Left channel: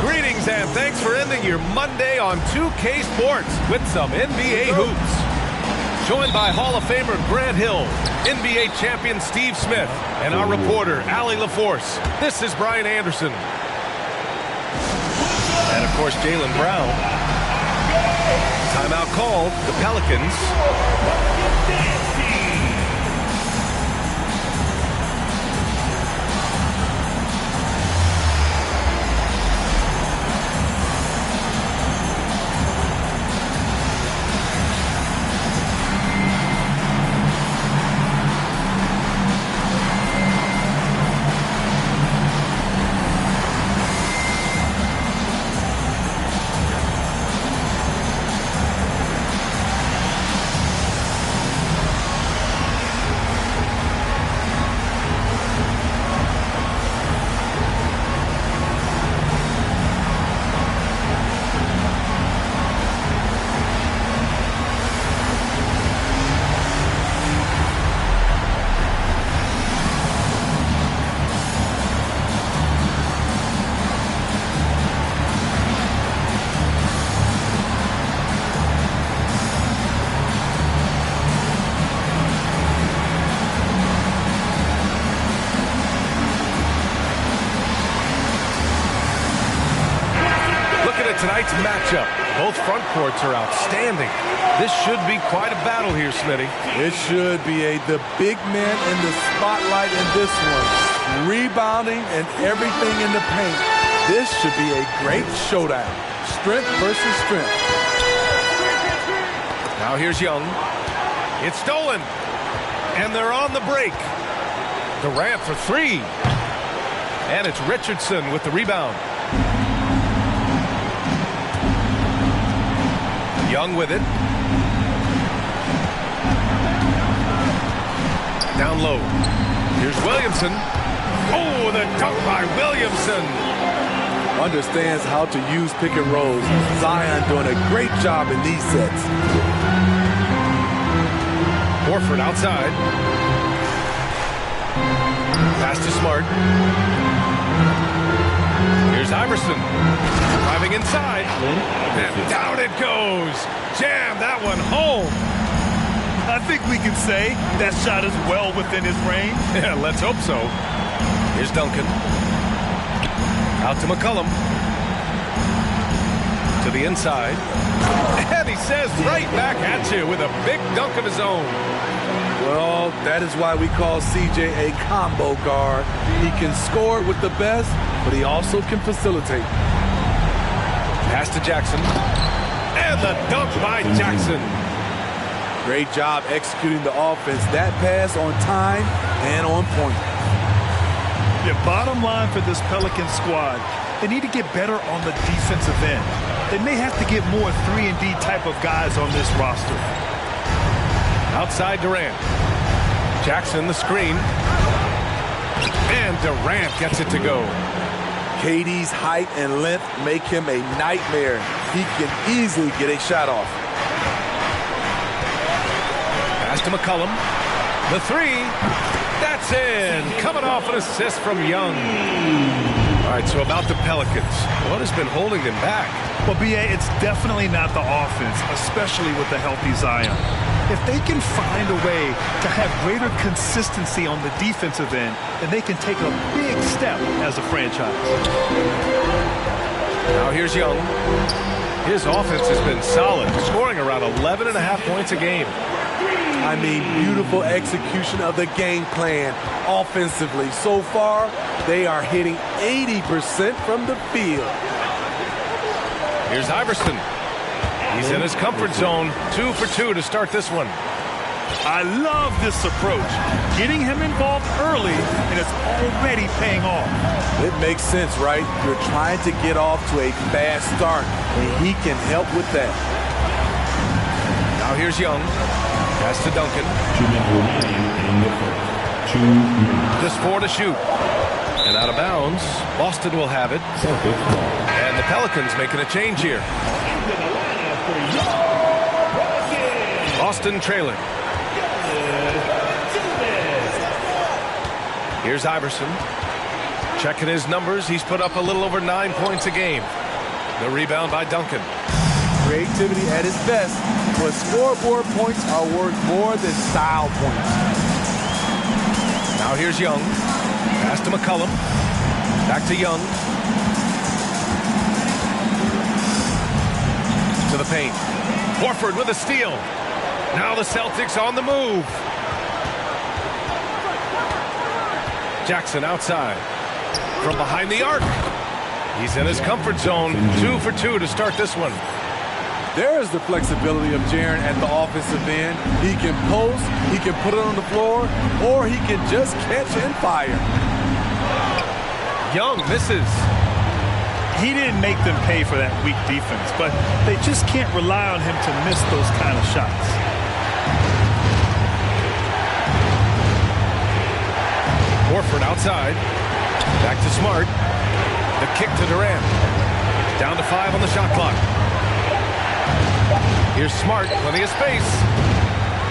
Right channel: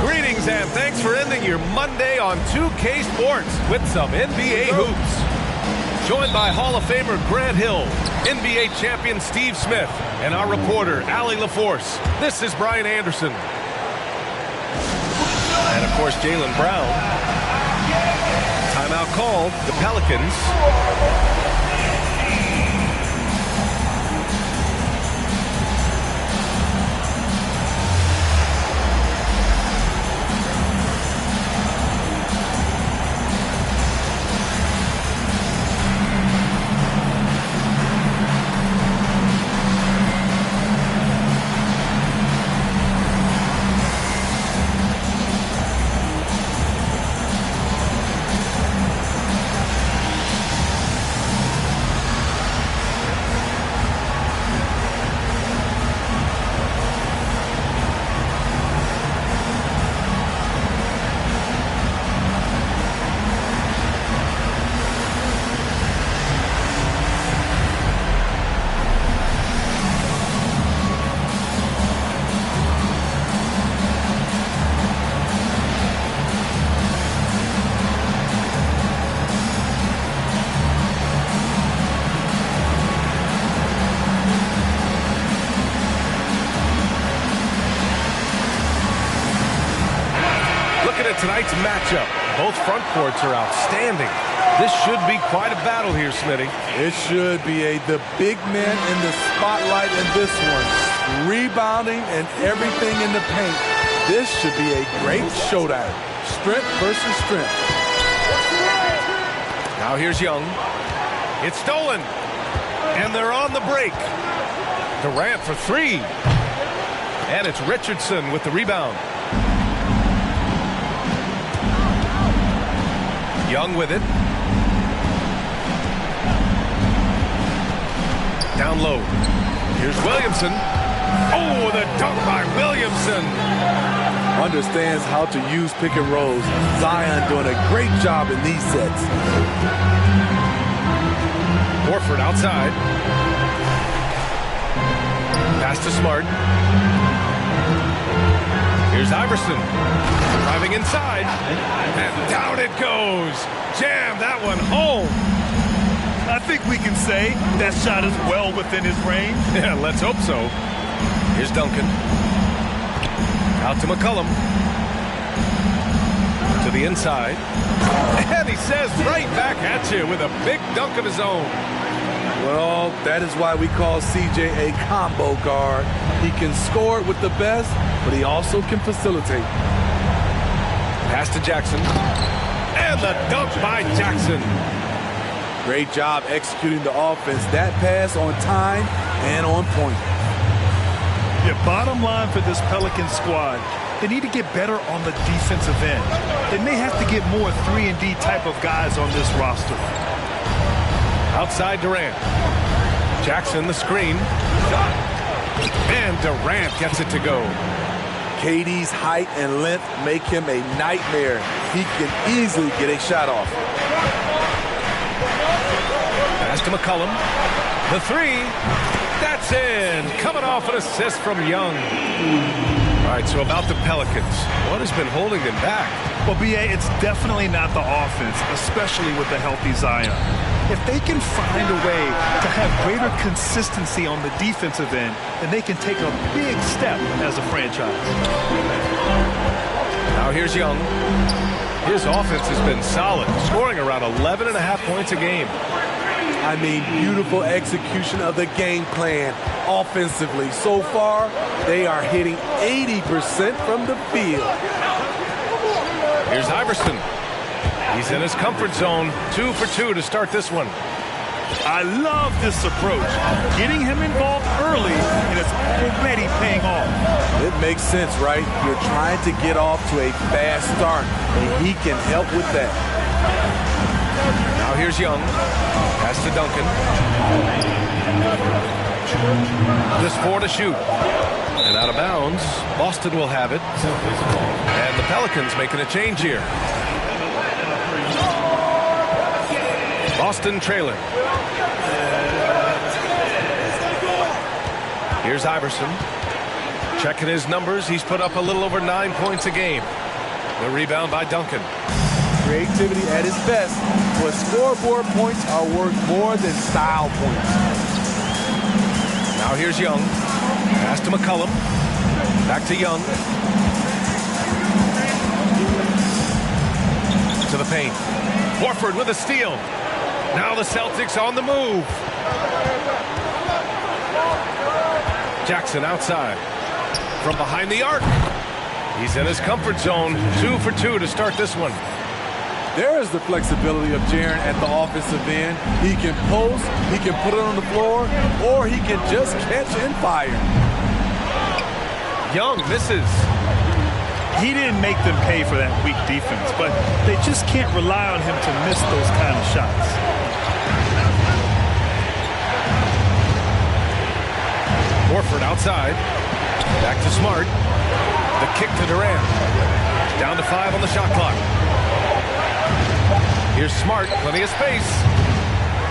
Greetings and thanks for ending your Monday on 2K Sports with some NBA hoops. Joined by Hall of Famer Grant Hill, NBA champion Steve Smith, and our reporter Allie LaForce. This is Brian Anderson. And of course Jaylen Brown. Timeout called, the Pelicans. Looking at tonight's matchup, both front courts are outstanding. This should be quite a battle here, Smitty. It should be the big men in the spotlight in this one. Rebounding and everything in the paint. This should be a great showdown. Strength versus strength. Now here's Young. It's stolen. And they're on the break. Durant for three. And it's Richardson with the rebound. Young with it. Down low. Here's Williamson. Oh, the dunk by Williamson. Understands how to use pick and rolls. Zion doing a great job in these sets. Horford outside. Pass to Smart. Here's Iverson. Driving inside. And down it goes. Jam that one home. I think we can say that shot is well within his range. Yeah, let's hope so. Here's Duncan. Out to McCollum. To the inside. And he says right back at you with a big dunk of his own. Well, that is why we call CJ a combo guard. He can score with the best, but he also can facilitate. Pass to Jackson. And the dunk by Jackson. Great job executing the offense. That pass on time and on point. Yeah, bottom line for this Pelicans squad, they need to get better on the defensive end. They may have to get more 3-and-D type of guys on this roster. Outside Durant. Jackson the screen. And Durant gets it to go. KD's height and length make him a nightmare. He can easily get a shot off. Pass to McCollum. The three. That's in. Coming off an assist from Young. All right, so about the Pelicans. What has been holding them back? Well, B.A., it's definitely not the offense, especially with the healthy Zion. If they can find a way to have greater consistency on the defensive end, then they can take a big step as a franchise. Now here's Young. His offense has been solid, scoring around 11.5 points a game. I mean, beautiful execution of the game plan offensively. So far, they are hitting 80% from the field. Here's Iverson. He's in his comfort zone. 2 for 2 to start this one. I love this approach. Getting him involved early, and it's already paying off. It makes sense, right? You're trying to get off to a fast start, and he can help with that. Now here's Young. Pass to Duncan. Just 4 to shoot. And out of bounds, Boston will have it. And the Pelicans making a change here. Boston trailing. Here's Iverson. Checking his numbers. He's put up a little over 9 points a game. The rebound by Duncan. Creativity at its best, but scoreboard points are worth more than style points. Now here's Young. Pass to McCollum. Back to Young. To the paint. Horford with a steal. Now the Celtics on the move. Jackson outside. From behind the arc. He's in his comfort zone. 2 for 2 to start this one. There is the flexibility of Jaren at the offensive end. He can post, he can put it on the floor, or he can just catch and fire. Young misses. He didn't make them pay for that weak defense, but they just can't rely on him to miss those kind of shots. Horford outside. Back to Smart. The kick to Durant. Down to 5 on the shot clock. Here's Smart, plenty of space.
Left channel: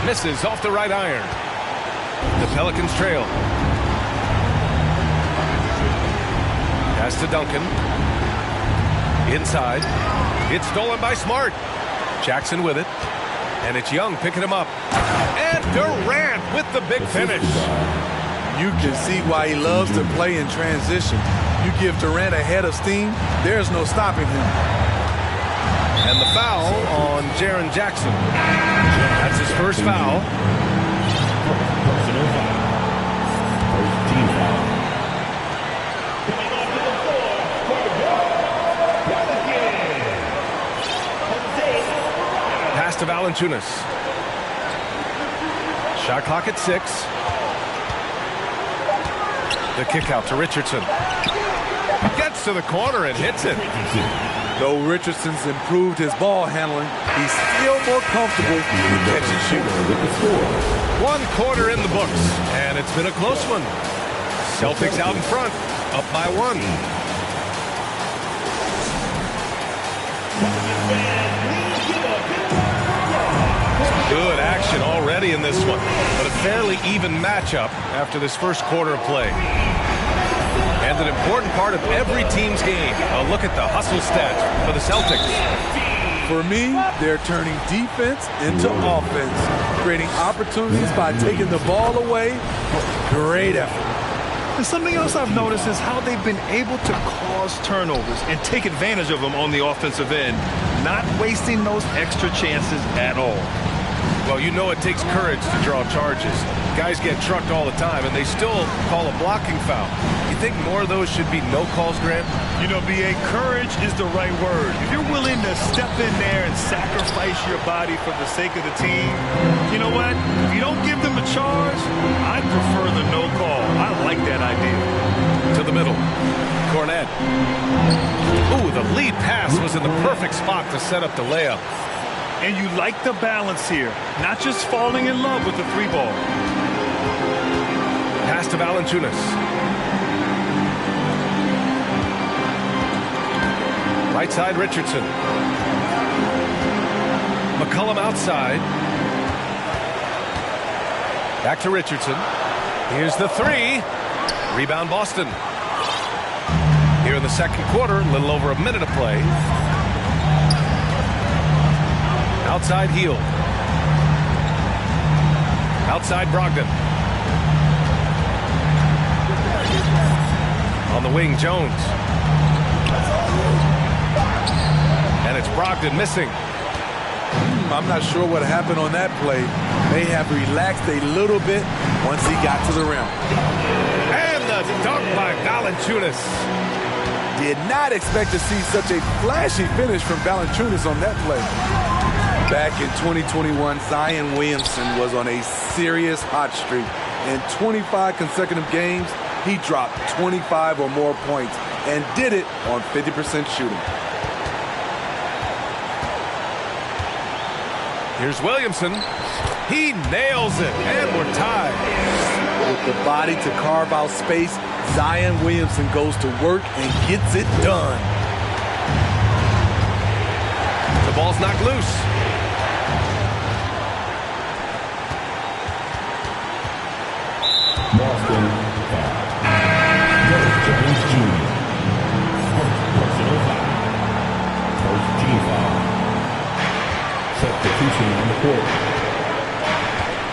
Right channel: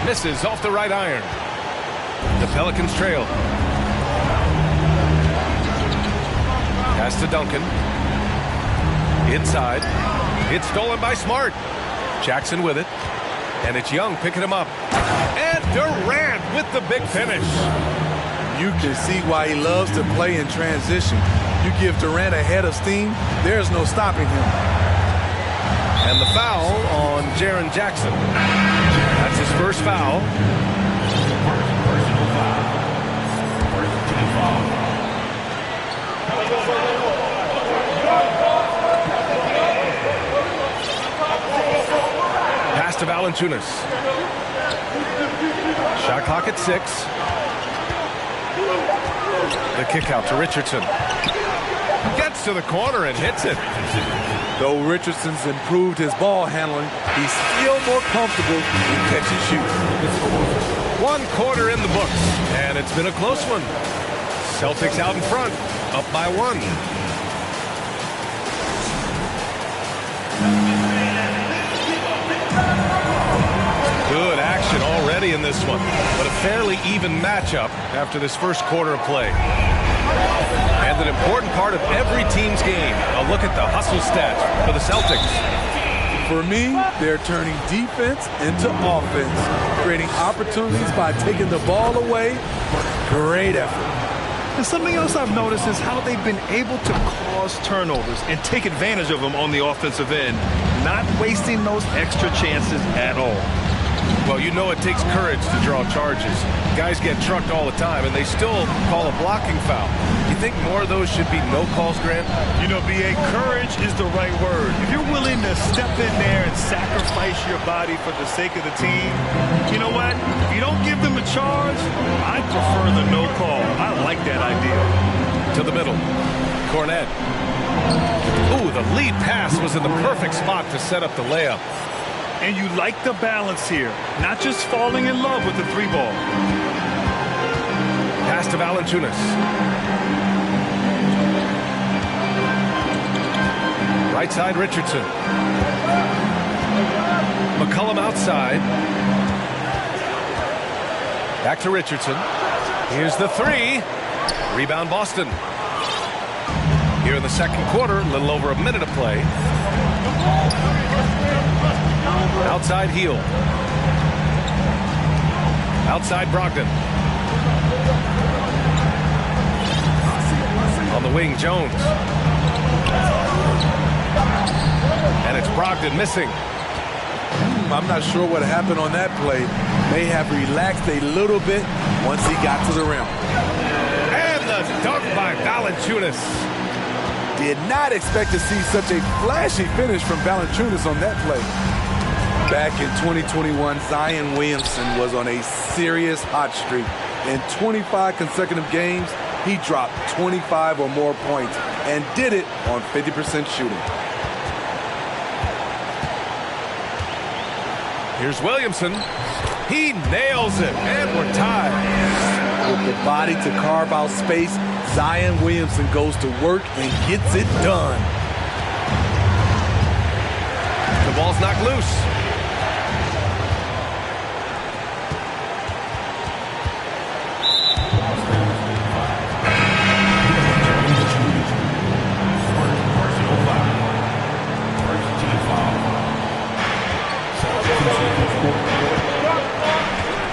Misses off the right iron. The Pelicans trail. Pass to Duncan. Inside. It's stolen by Smart. Jackson with it. And it's Young picking him up. And Durant with the big finish. You can see why he loves to play in transition. You give Durant a head of steam, there's no stopping him. And the foul on Jaren Jackson. That's his first foul. Personal foul. First team foul. Pass to Valanciunas. Shot clock at 6. The kick out to Richardson. Gets to the corner and hits it. Though Richardson's improved his ball handling, he's still more comfortable in catch and shoot. 1 quarter in the books, and it's been a close one. Celtics out in front, up by 1. Good action already in this one, but a fairly even matchup after this first quarter of play. And an important part of every team's game. A look at the hustle stats for the Celtics. For me, they're turning defense into offense, creating opportunities by taking the ball away. Great effort. And something else I've noticed is how they've been able to cause turnovers and take advantage of them on the offensive end, not wasting those extra chances at all. Well, you know it takes courage to draw charges. Guys get trucked all the time, and they still call a blocking foul. You think more of those should be no calls, Grant? You know, B.A., courage is the right word. If you're willing to step in there and sacrifice your body for the sake of the team, you know what? If you don't give them a charge, I prefer the no call. I like that idea. To the middle. Cornette. Ooh, the lead pass was in the perfect spot to set up the layup. And you like the balance here, not just falling in love with the 3-ball. Pass to Valanciunas. Right side, Richardson. McCollum outside. Back to Richardson. Here's the 3. Rebound Boston. Here in the second quarter, a little over a minute of play. Outside heel. Outside Brogdon. On the wing, Jones. And it's Brogdon missing. I'm not sure what happened on that play. May have relaxed a little bit once he got to the rim. And the dunk by Valanciunas. Did not expect to see such a flashy finish from Valanciunas on that play. Back in 2021, Zion Williamson was on a serious hot streak. In 25 consecutive games, he dropped 25 or more points and did it on 50% shooting. Here's Williamson. He nails it, and we're tied. With the body to carve out space, Zion Williamson goes to work and gets it done. The ball's knocked loose.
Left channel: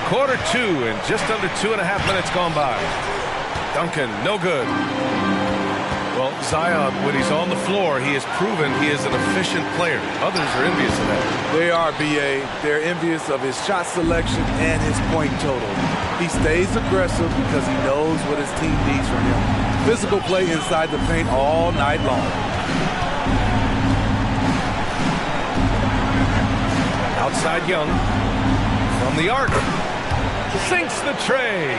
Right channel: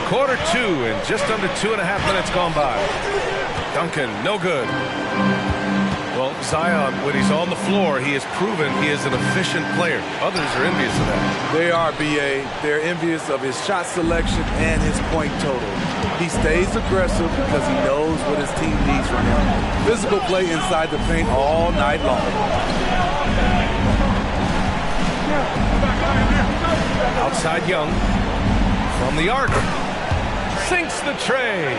Quarter two, and just under 2.5 minutes gone by. Duncan, no good. Well, Zion, when he's on the floor, he has proven he is an efficient player. Others are envious of that. They are, B.A. They're envious of his shot selection and his point total. He stays aggressive because he knows what his team needs from him. Physical play inside the paint all night long. Outside Young. From the arc. Sinks the tray.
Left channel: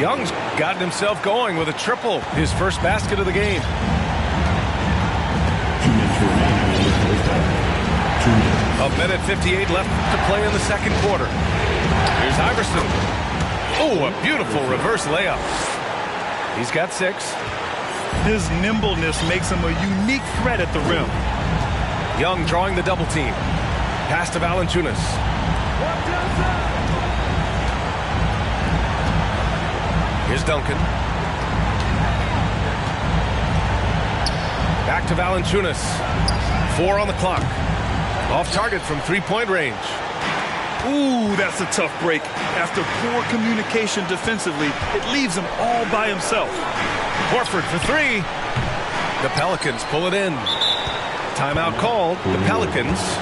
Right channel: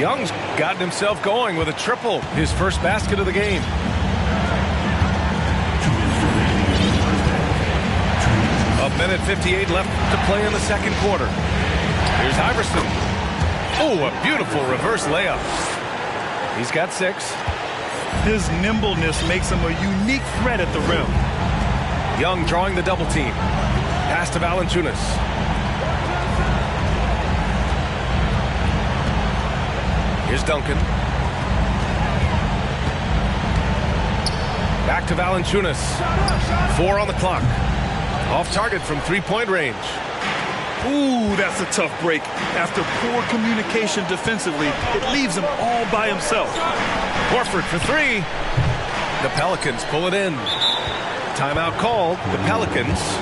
Young's gotten himself going with a triple. His first basket of the game. 2 minutes remaining in the first half. 2 minutes. 1:58 left to play in the second quarter. Here's Iverson. Oh, a beautiful reverse layup. He's got 6. His nimbleness makes him a unique threat at the rim. Young drawing the double team. Pass to Valanciunas. Here's Duncan. Back to Valanciunas. 4 on the clock. Off target from three-point range. Ooh, that's a tough break. After poor communication defensively, it leaves him all by himself. Horford for 3. The Pelicans pull it in. Timeout called. The Pelicans.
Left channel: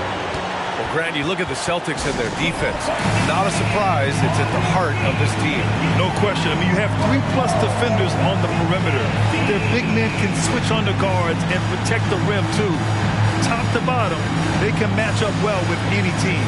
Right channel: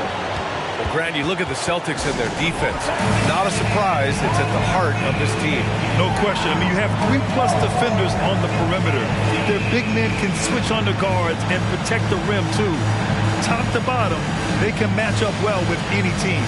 Well, Grant, you look at the Celtics and their defense. Not a surprise. It's at the heart of this team. No question. I mean, you have 3+ defenders on the perimeter. Their big men can switch on the guards and protect the rim, too. Top to bottom, they can match up well with any team.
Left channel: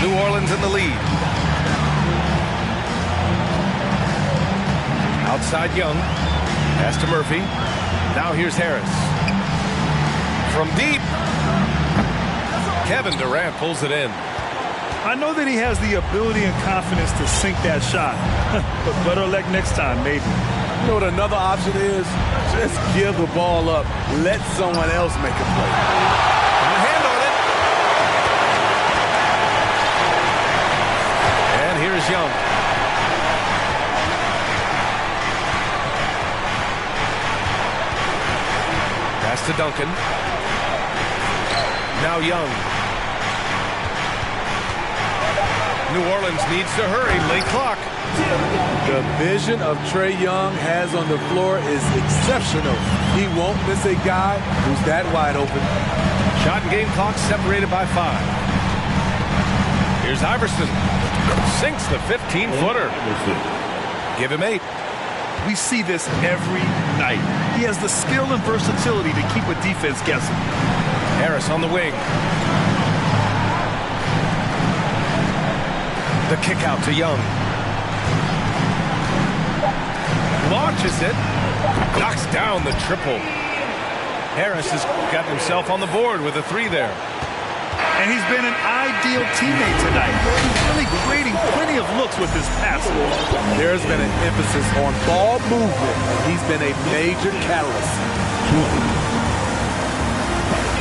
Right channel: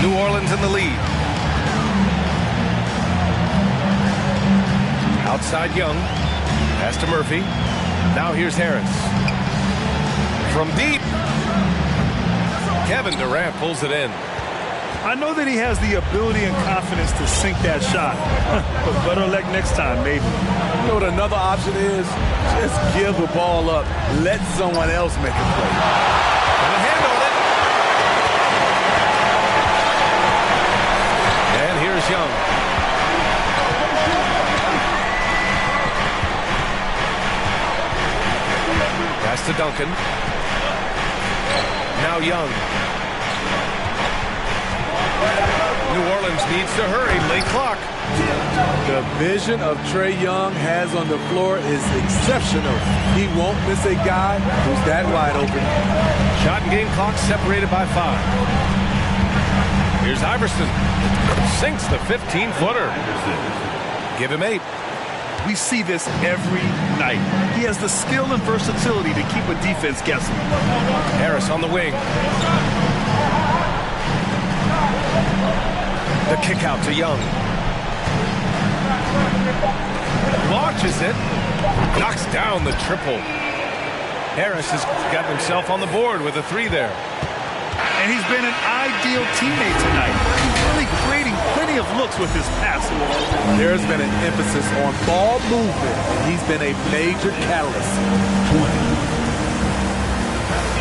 New Orleans in the lead. Outside Young. Pass to Murphy. Now here's Harris. From deep. Kevin Durant pulls it in. I know that he has the ability and confidence to sink that shot. But better luck next time, maybe. You know what another option is? Just give the ball up. Let someone else make a play. Got a hand on it. And here's Young. Pass to Duncan. Now Young. New Orleans needs to hurry. Late clock. The vision of Trae Young has on the floor is exceptional. He won't miss a guy who's that wide open. Shot and game clock separated by 5. Here's Iverson. Sinks the 15-footer. Give him 8. We see this every night. He has the skill and versatility to keep a defense guessing. Harris on the wing. The kick out to Young. Launches it. Knocks down the triple. Harris has got himself on the board with a 3 there. And he's been an ideal teammate tonight. He really really creating plenty of looks with his passing. There's been an emphasis on ball movement, and he's been a major catalyst.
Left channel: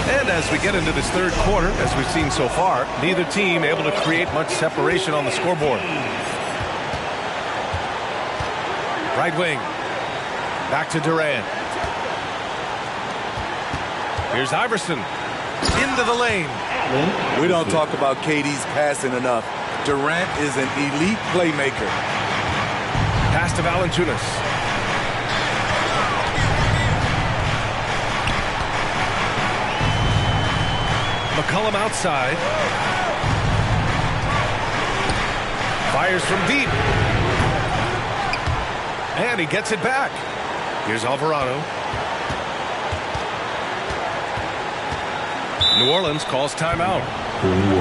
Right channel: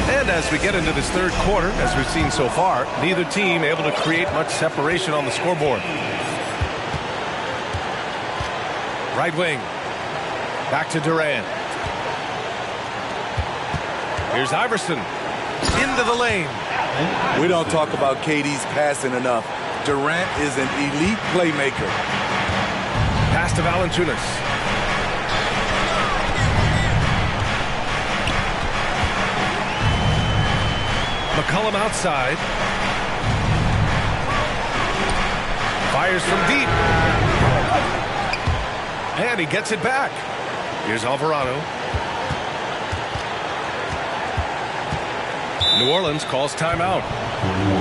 And as we get into this third quarter, as we've seen so far, neither team able to create much separation on the scoreboard. Right wing. Back to Durant. Here's Iverson. Into the lane. We don't talk about KD's passing enough. Durant is an elite playmaker. Pass to Valanciunas. McCollum outside. Fires from deep. And he gets it back. Here's Alvarado. New Orleans calls timeout.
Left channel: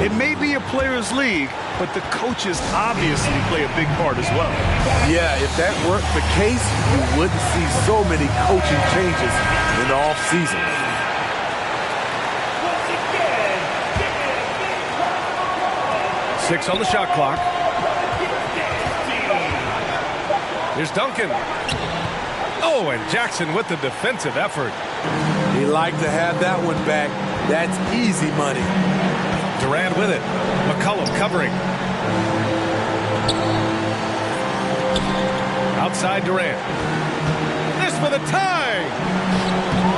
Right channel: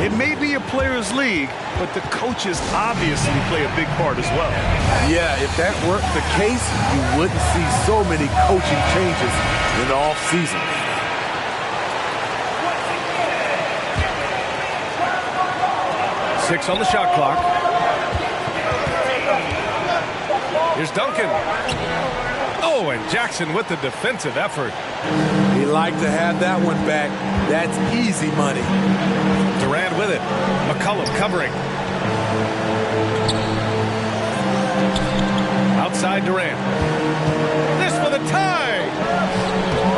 It may be a players' league, but the coaches obviously play a big part as well. Yeah, if that weren't the case, you wouldn't see so many coaching changes in the offseason. Six on the shot clock. Here's Duncan. Oh, and Jackson with the defensive effort. He liked to have that one back. That's easy money. Durant with it. McCollum covering. Outside Durant. This for the tie.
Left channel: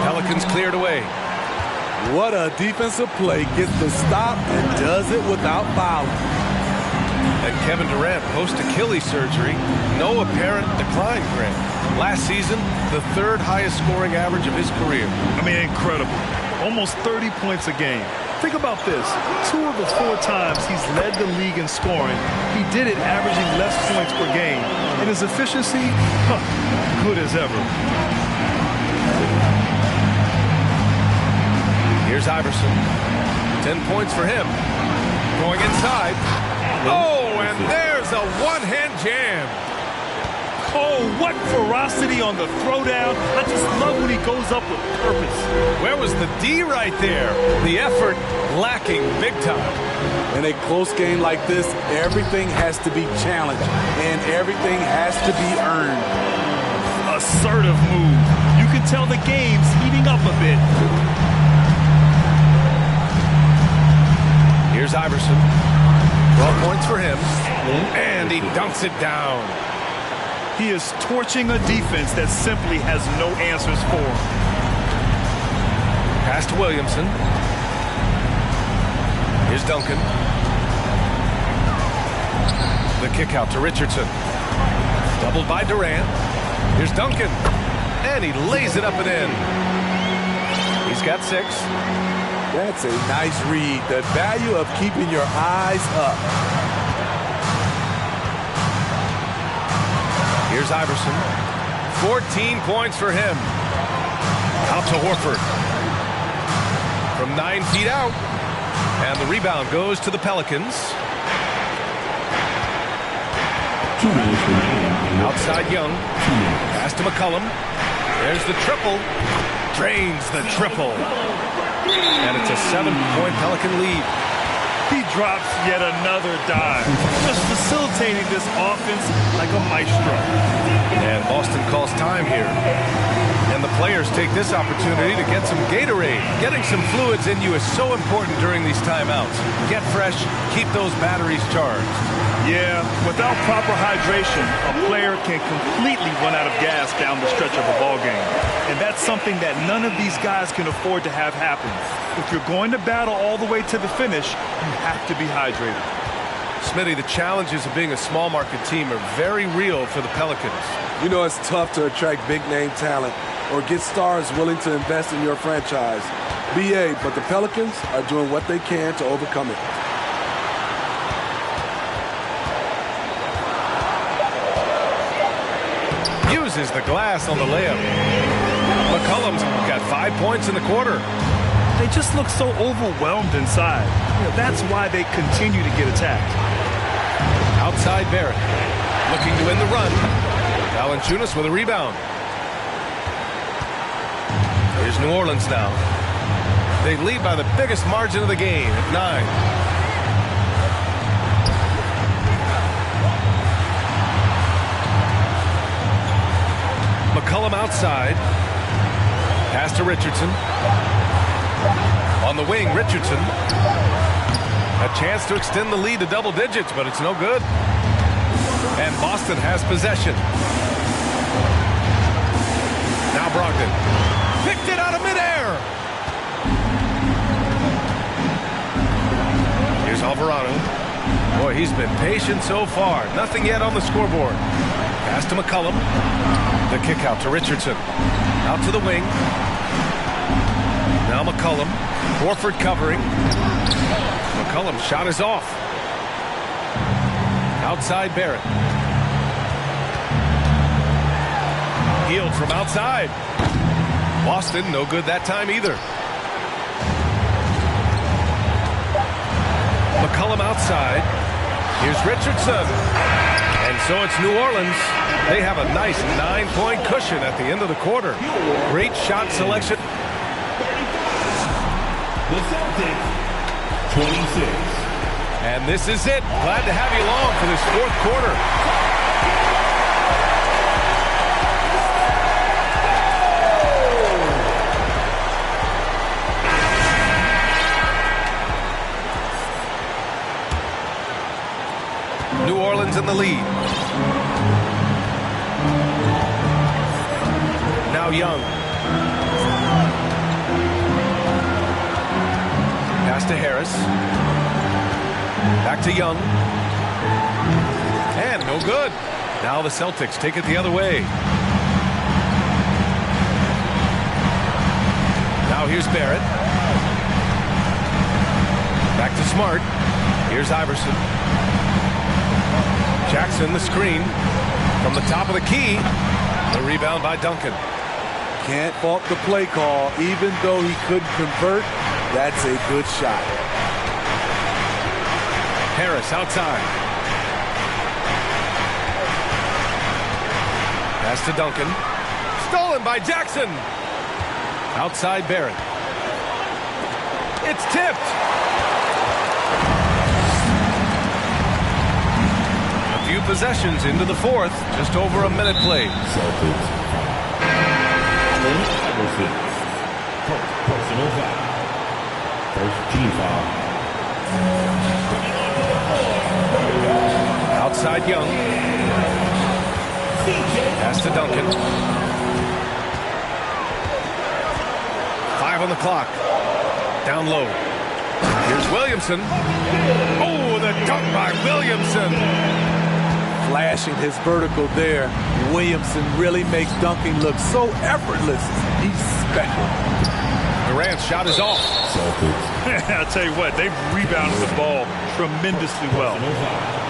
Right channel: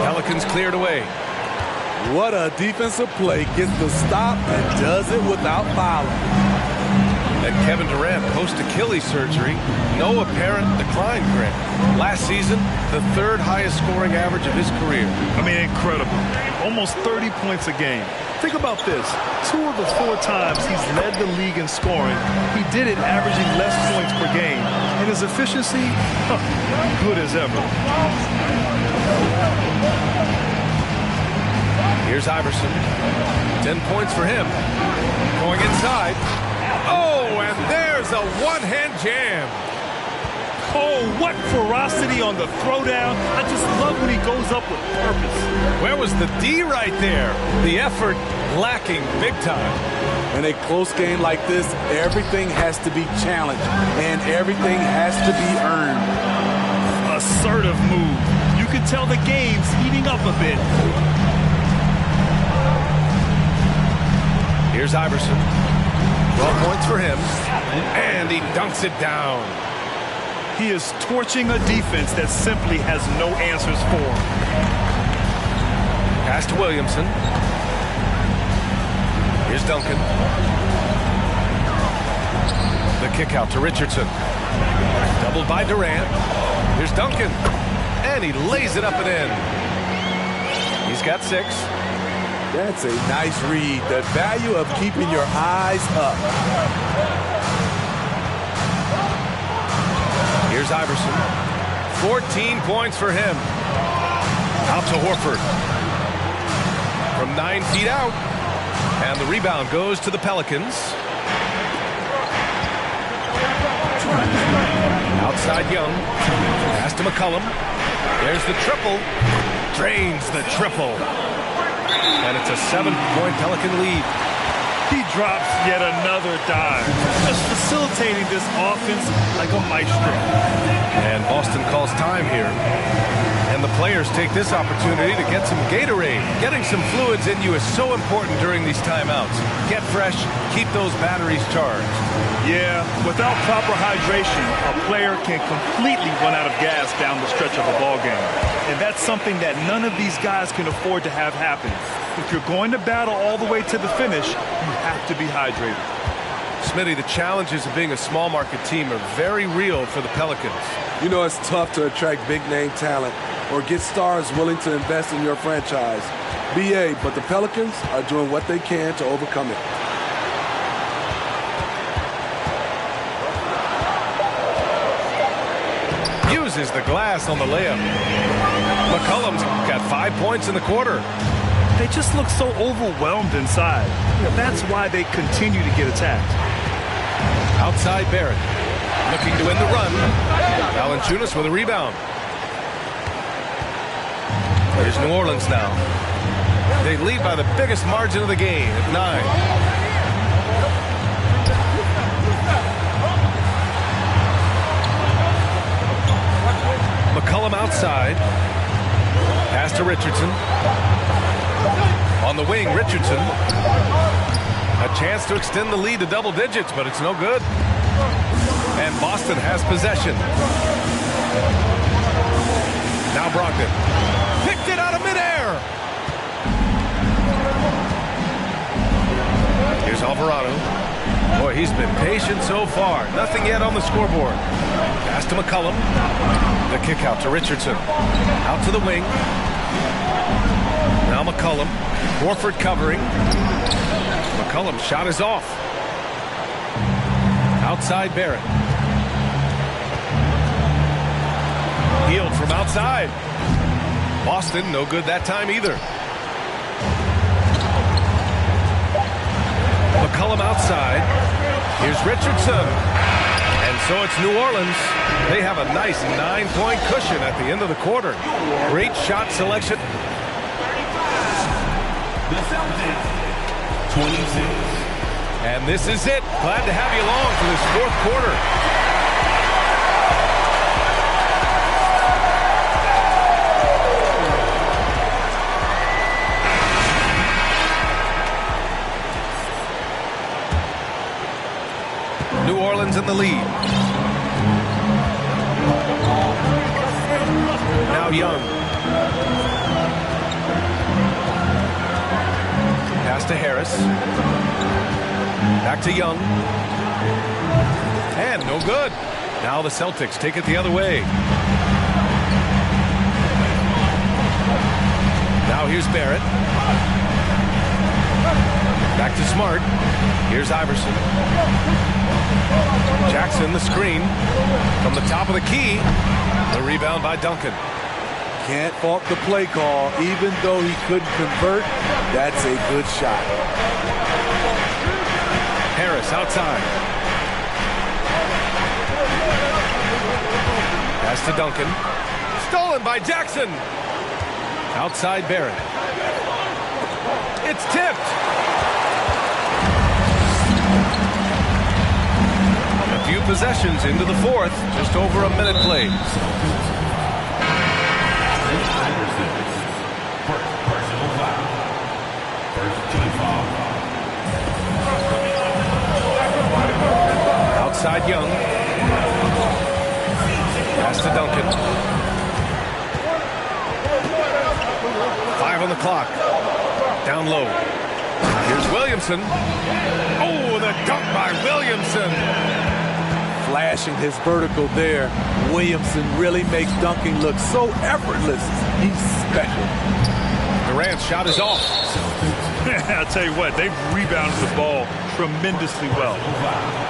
Pelicans cleared away. What a defensive play. Gets the stop and does it without fouling. And Kevin Durant post-Achilles surgery. No apparent decline, Grant. Last season, the third highest scoring average of his career. I mean, incredible. Almost 30 points a game. Think about this. 2 of the 4 times he's led the league in scoring, he did it averaging less points per game. And his efficiency, good as ever. Here's Iverson. 10 points for him. Going inside. Oh, and there's a one-hand jam. Oh, what ferocity on the throwdown. I just love when he goes up with purpose. Where was the D right there? The effort lacking big time. In a close game like this, everything has to be challenged, and everything has to be earned. Assertive move. You can tell the game's heating up a bit. Here's Iverson. 12 points for him. And he dunks it down. He is torching a defense that simply has no answers for him. Pass to Williamson. Here's Duncan. The kick out to Richardson. Doubled by Durant. Here's Duncan. And he lays it up and in. He's got 6. That's a nice read. The value of keeping your eyes up. Here's Iverson. 14 points for him. Out to Horford. From 9 feet out. And the rebound goes to the Pelicans. Outside Young. Pass to McCollum. There's the triple. Drains the triple. And it's a 7-point Pelican lead. He drops yet another dive, just facilitating this offense like a maestro. And Boston calls time here. And the players take this opportunity to get some Gatorade. Getting some fluids in you is so important during these timeouts. Get fresh, keep those batteries charged. Yeah, without proper hydration, a player can completely run out of gas down the stretch of a ball game. And that's something that none of these guys can afford to have happen. If you're going to battle all the way to the finish, you have to be hydrated. Smitty, the challenges of being a small market team are very real for the Pelicans. You know, it's tough to attract big name talent or get stars willing to invest in your franchise. BA, but the Pelicans are doing what they can to overcome it. Uses the glass on the layup. McCollum's got 5 points in the quarter. They just look so overwhelmed inside. You know, that's why they continue to get attacked. Outside Barrett. Looking to win the run. Valanciunas with a rebound. Here's New Orleans now. They lead by the biggest margin of the game at 9. McCollum outside. Pass to Richardson. On the wing, Richardson. A chance to extend the lead to double digits, but it's no good. And Boston has possession. Now Brogdon. Picked it out of midair. Here's Alvarado. Boy, he's been patient so far. Nothing yet on the scoreboard. Pass to McCollum. The kick out to Richardson. Out to the wing. Now McCollum. Horford covering. McCollum's shot is off. Outside Barrett. Healed from outside. Boston, no good that time either. McCollum outside. Here's Richardson. And so it's New Orleans. They have a nice 9-point cushion at the end of the quarter. Great shot selection. The Celtics, 26. And this is it. Glad to have you along for this fourth quarter. New Orleans in the lead. Now Young. Pass to Harris. Back to Young. And no good. Now the Celtics take it the other way. Now here's Barrett. Back to Smart. Here's Iverson. Jackson the screen from the top of the key. The rebound by Duncan. Can't fault the play call. Even though he couldn't convert, that's a good shot. Harris outside. Pass to Duncan. Stolen by Jackson. Outside Barrett. It's tipped. A few possessions into the fourth. Just over a minute played. Celtics. Iverson's personal foul. First team foul. Outside Young. Pass to Duncan. 5 on the clock. Down low. Here's Williamson. Oh, the dunk by Williamson. Flashing his vertical there. Williamson really makes dunking look so effortless. He's special. Durant's shot is off. I'll tell you what, they've rebounded the ball tremendously well.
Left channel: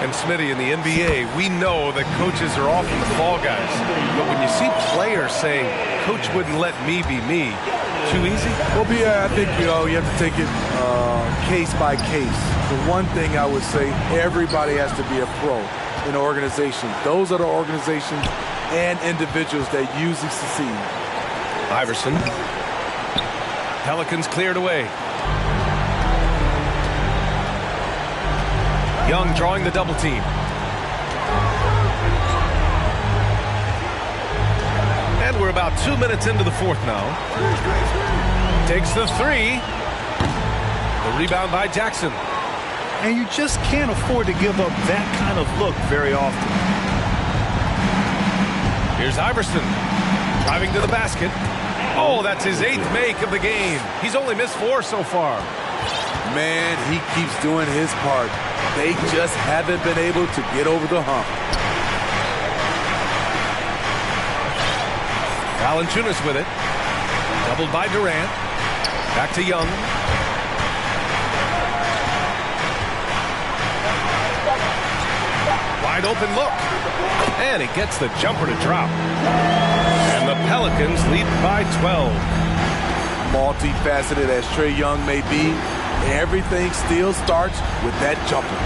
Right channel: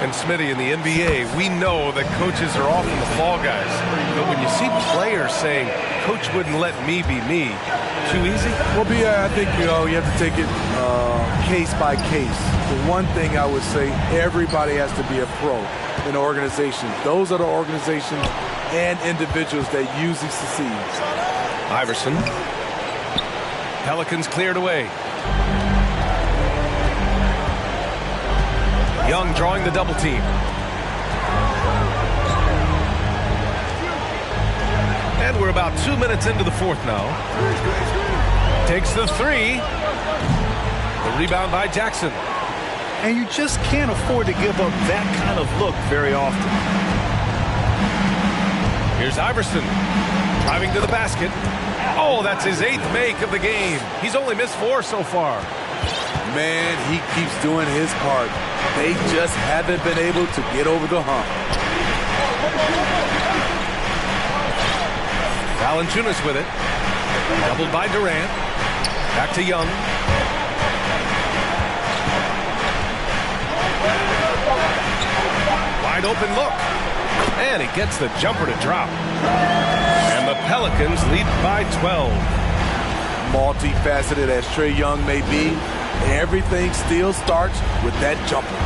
And Smitty, in the NBA, we know that coaches are often the fall guys. But when you see players saying, "Coach wouldn't let me be me," too easy? Well, I think you have to take it case by case. The one thing I would say, everybody has to be a pro in organizations. Those are the organizations and individuals that usually succeed. Iverson. Pelicans cleared away. Young drawing the double team. And we're about 2 minutes into the fourth now. Takes the three. The rebound by Jackson. And you just can't afford to give up that kind of look very often. Here's Iverson. Driving to the basket. Oh, that's his 8th make of the game. He's only missed 4 so far. Man, he keeps doing his part. They just haven't been able to get over the hump. Valanciunas with it. Doubled by Durant. Back to Young. Wide open look. And he gets the jumper to drop. And the Pelicans lead by 12. Multifaceted as Trae Young may be, everything still starts with that jumper.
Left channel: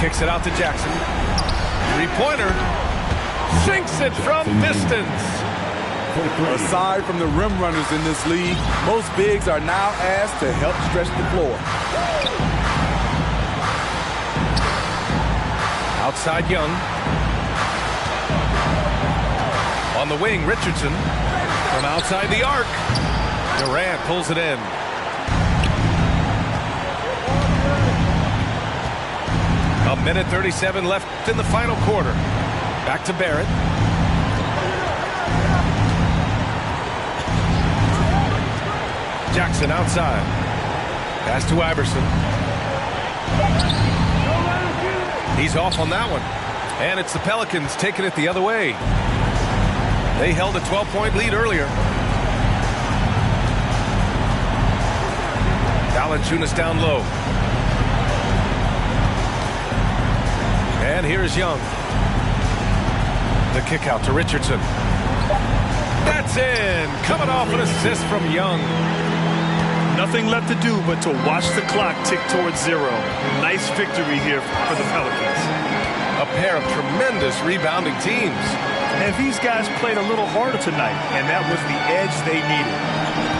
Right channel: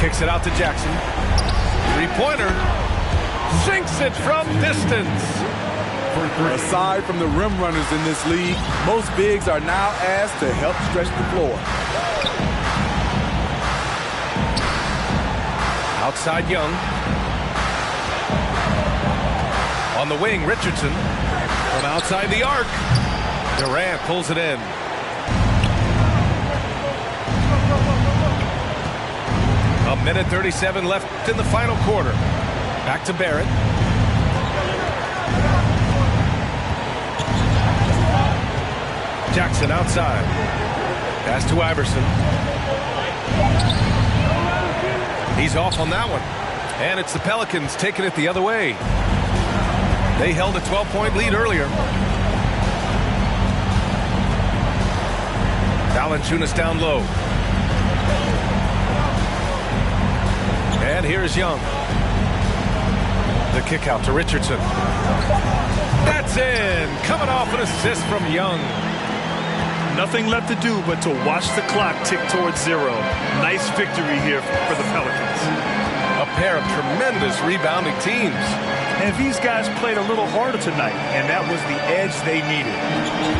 Kicks it out to Jackson. Three-pointer. Sinks it from distance. Aside from the rim runners in this league, most bigs are now asked to help stretch the floor. Outside Young. On the wing, Richardson from outside the arc. Durant pulls it in. A minute 37 left in the final quarter. Back to Barrett. Jackson outside. Pass to Iverson. He's off on that one. And it's the Pelicans taking it the other way. They held a 12-point lead earlier. Valanciunas down low. And here's Young. The kick out to Richardson. That's in. Coming off an assist from Young. Nothing left to do but to watch the clock tick towards 0. Nice victory here for the Pelicans. A pair of tremendous rebounding teams. And these guys played a little harder tonight, and that was the edge they needed.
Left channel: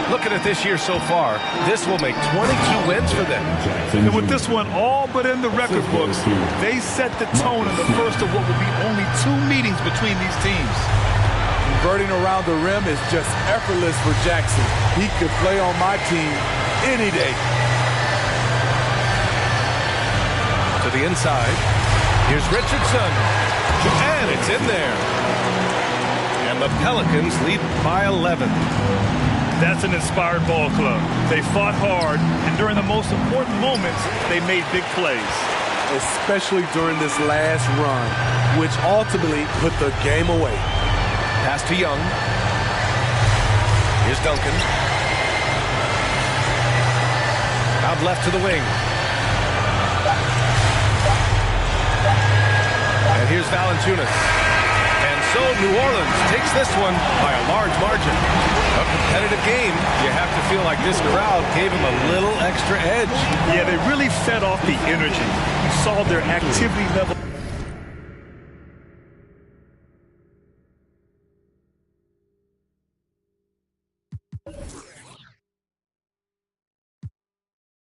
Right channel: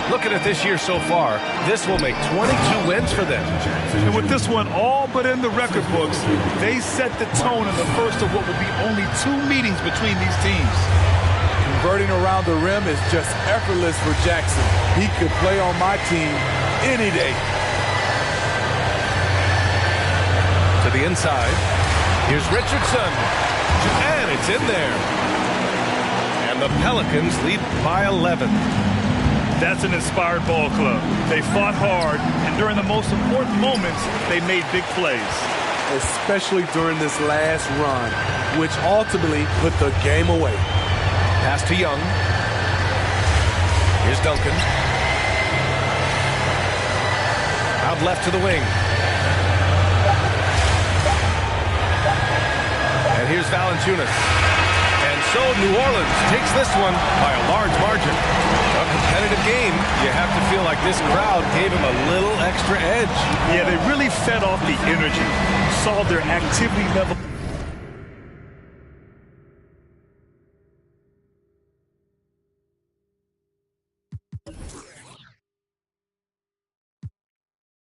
Looking at this year so far, this will make 22 wins for them. And with this one all but in the record books, they set the tone in the first of what will be only 2 meetings between these teams. Converting around the rim is just effortless for Jackson. He could play on my team any day. To the inside. Here's Richardson. And it's in there. And the Pelicans lead by 11. That's an inspired ball club. They fought hard, and during the most important moments, they made big plays. Especially during this last run, which ultimately put the game away. Pass to Young. Here's Duncan. Out left to the wing. And here's Valanciunas. And so New Orleans takes this one by a large margin. A competitive game. You have to feel like this crowd gave him a little extra edge. Yeah, they really fed off the energy. You saw their activity level.